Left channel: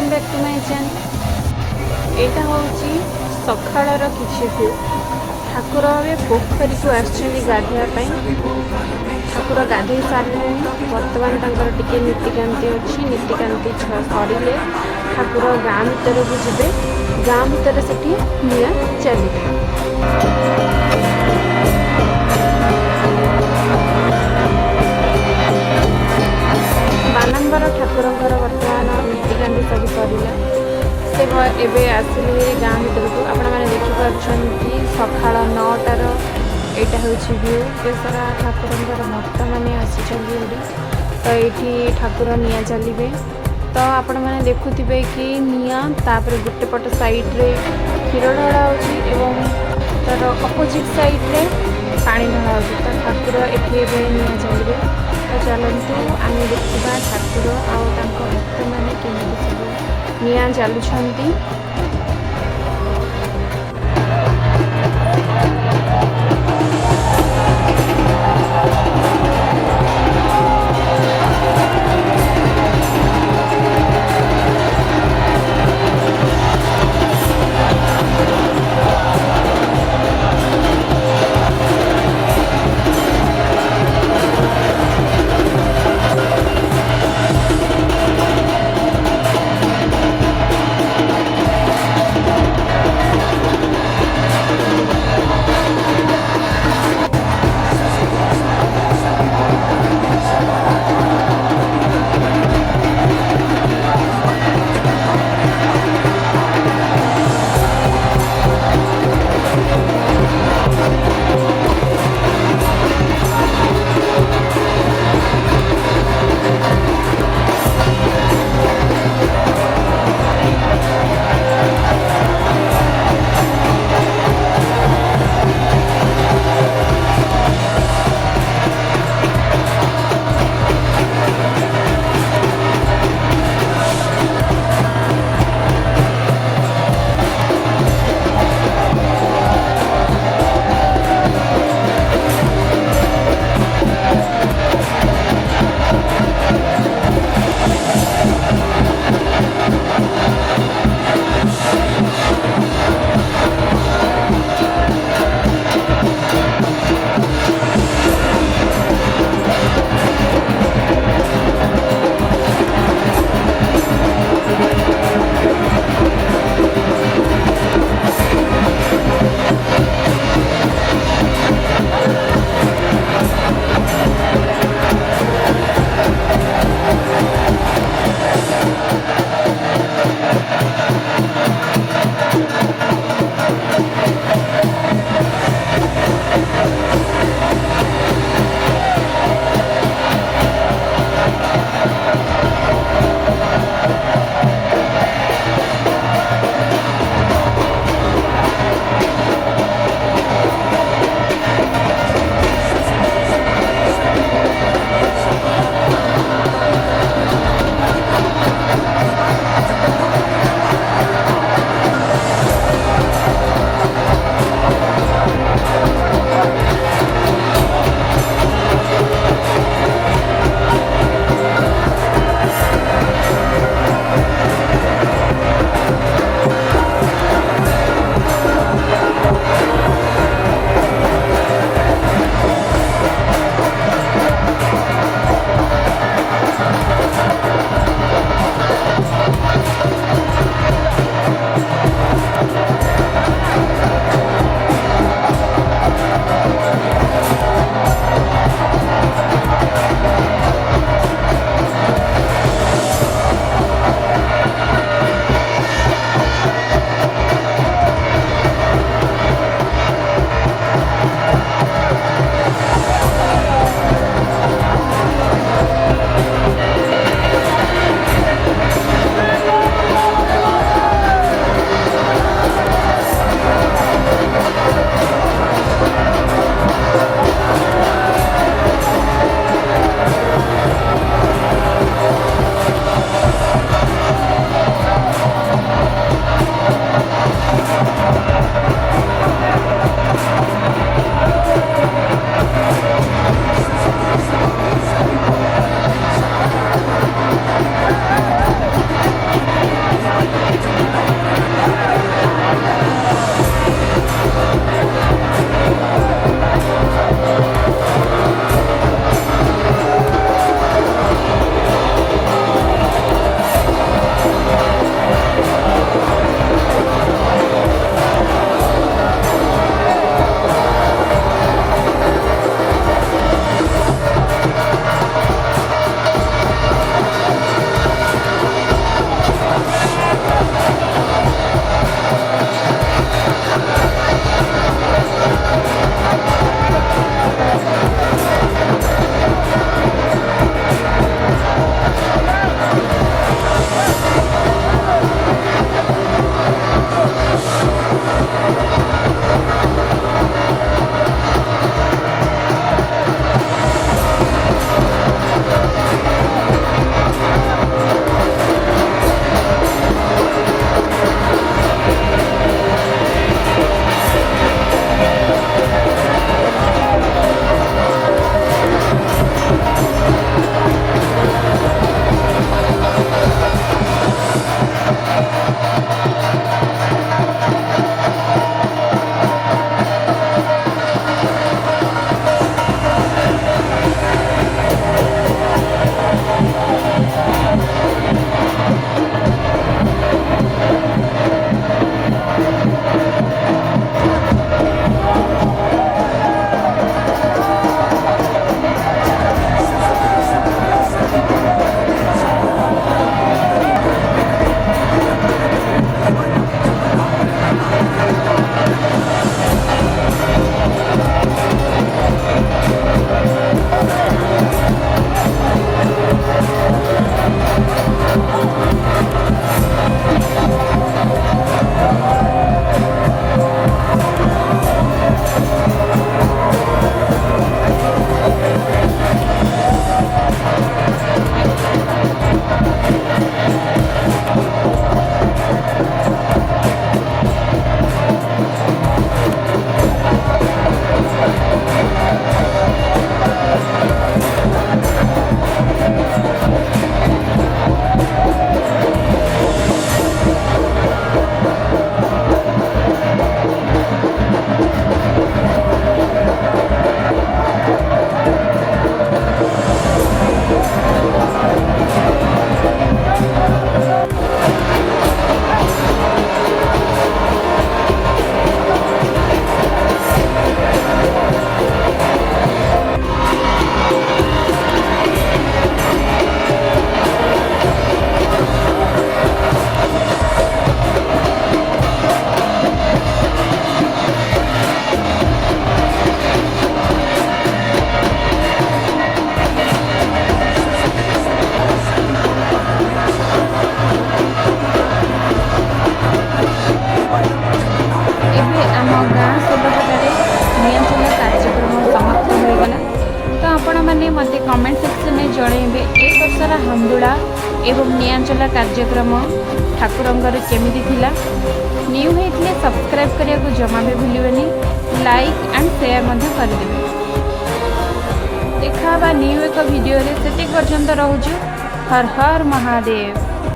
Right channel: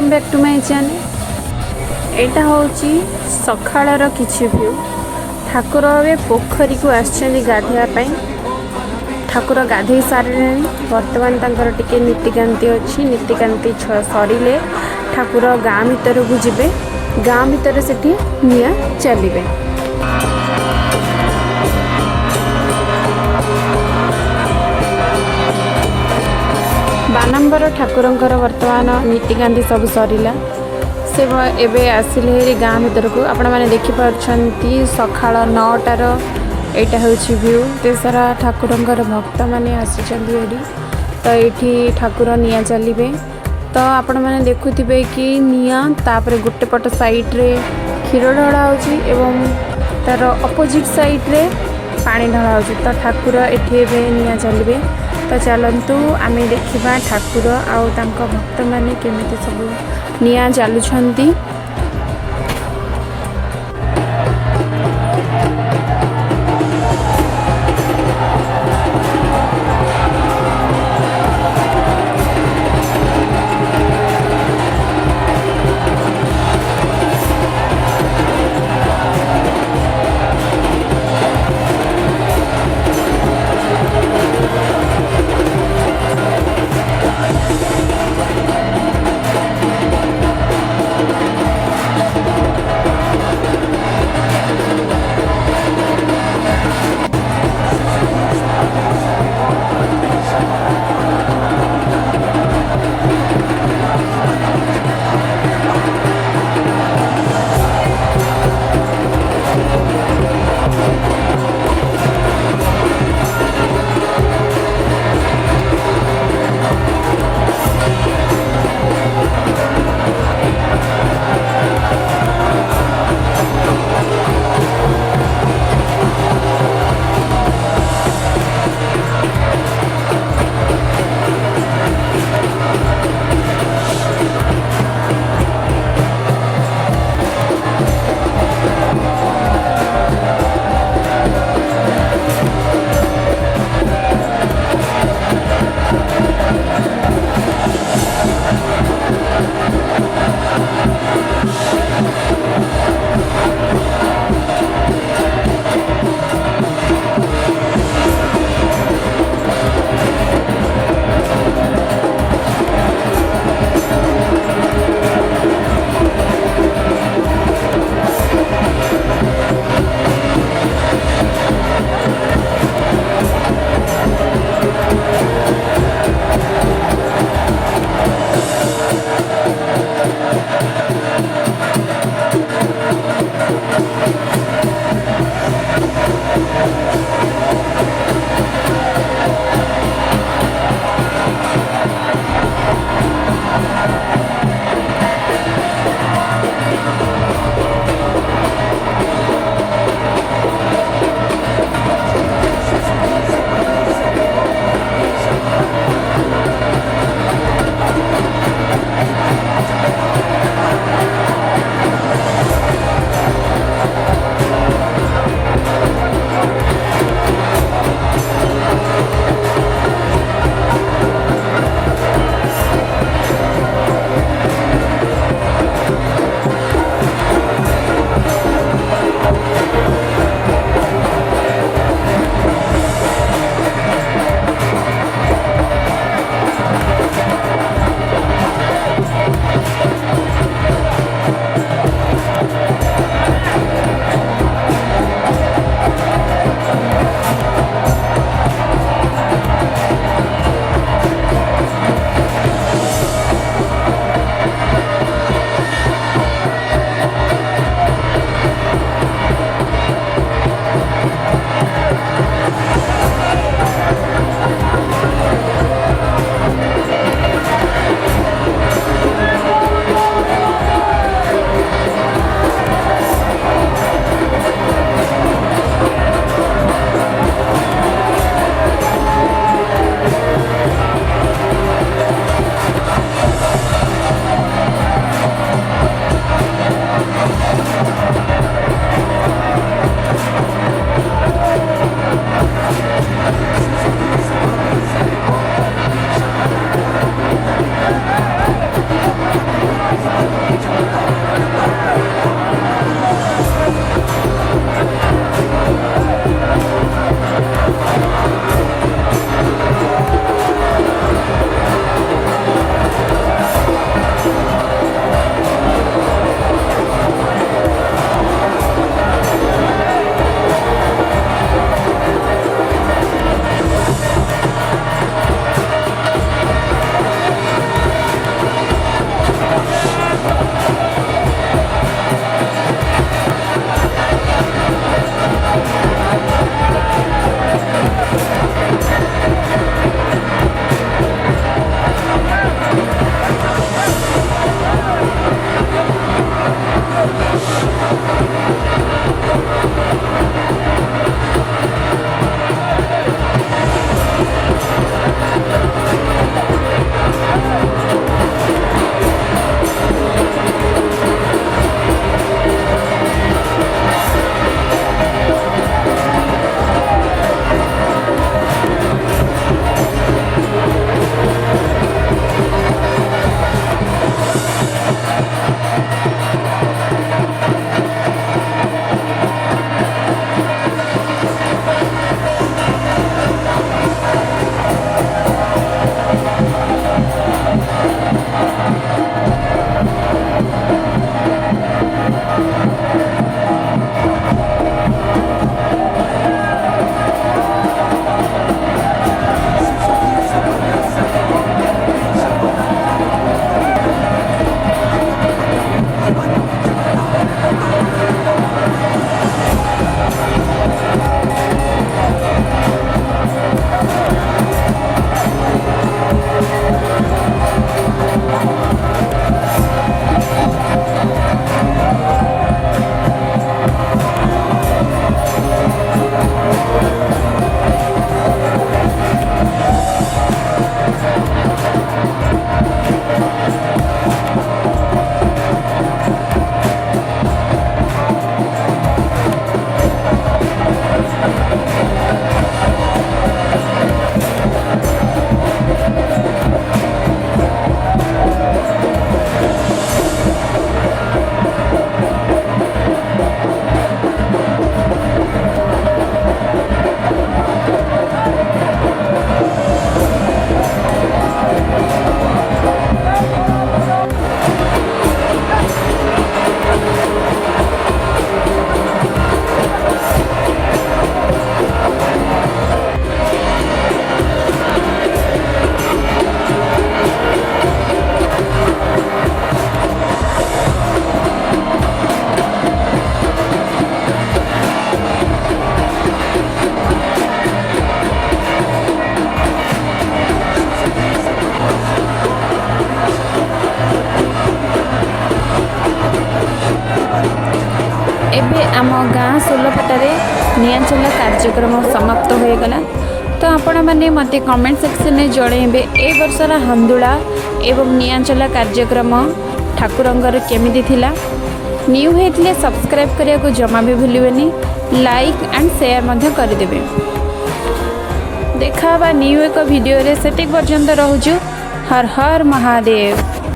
Welcome back to my channel. एटा होची सखाळर किछि व्यू। ठाकुर ए पोखरी को आछनी गाधिया पई। ठाकुर गाधई सारे वर्तमान तांकर टिके नीतिकांति अछि। नीतिकांति सरिले ठाकुर गाँ भीतर को जिबे। गाँ भीतर सेठी निया चलिबे। बानंबर ठाकुरंकर वर्तमान नीतिकांति सब सरिला। से एबे आसिले गाँ भीतर को आपण माने देखि परछंती सखाळ 9टार एटा होछि व्यू। ते सारा ठाकुरंकर भक्त माने आसिचंदी एडी। तो एठी ठाकुर निया चलिबे। तो आपण माने देखुथिबे कि निया तापर गुटे पट साइड रे क्षीर ढळा होछि एवं तार अपोजिट साइड रे पानी ढळा होछि। तो ठाकुर एठी एबे निया चलिबे। तो चलतु आम देखा ठाकुर आउ तांको भक्त माने केमिति सब निया चलुछंती। आपने मते कमेंट सेक्शन में जणेबे ए वर्षर हंदुला एवं नियांचला कार्यक्रम ठाकुरंगर केमिति थिला। न्यू हेतले सब्सक्राइब करिया को जमा भी भूलिबेनी, लाइक एंड शेयर मध्य कर देबे। देखा न्यू एक वीडियो रे सेटिक पर्यंत रहूछु। हर हर महादेव।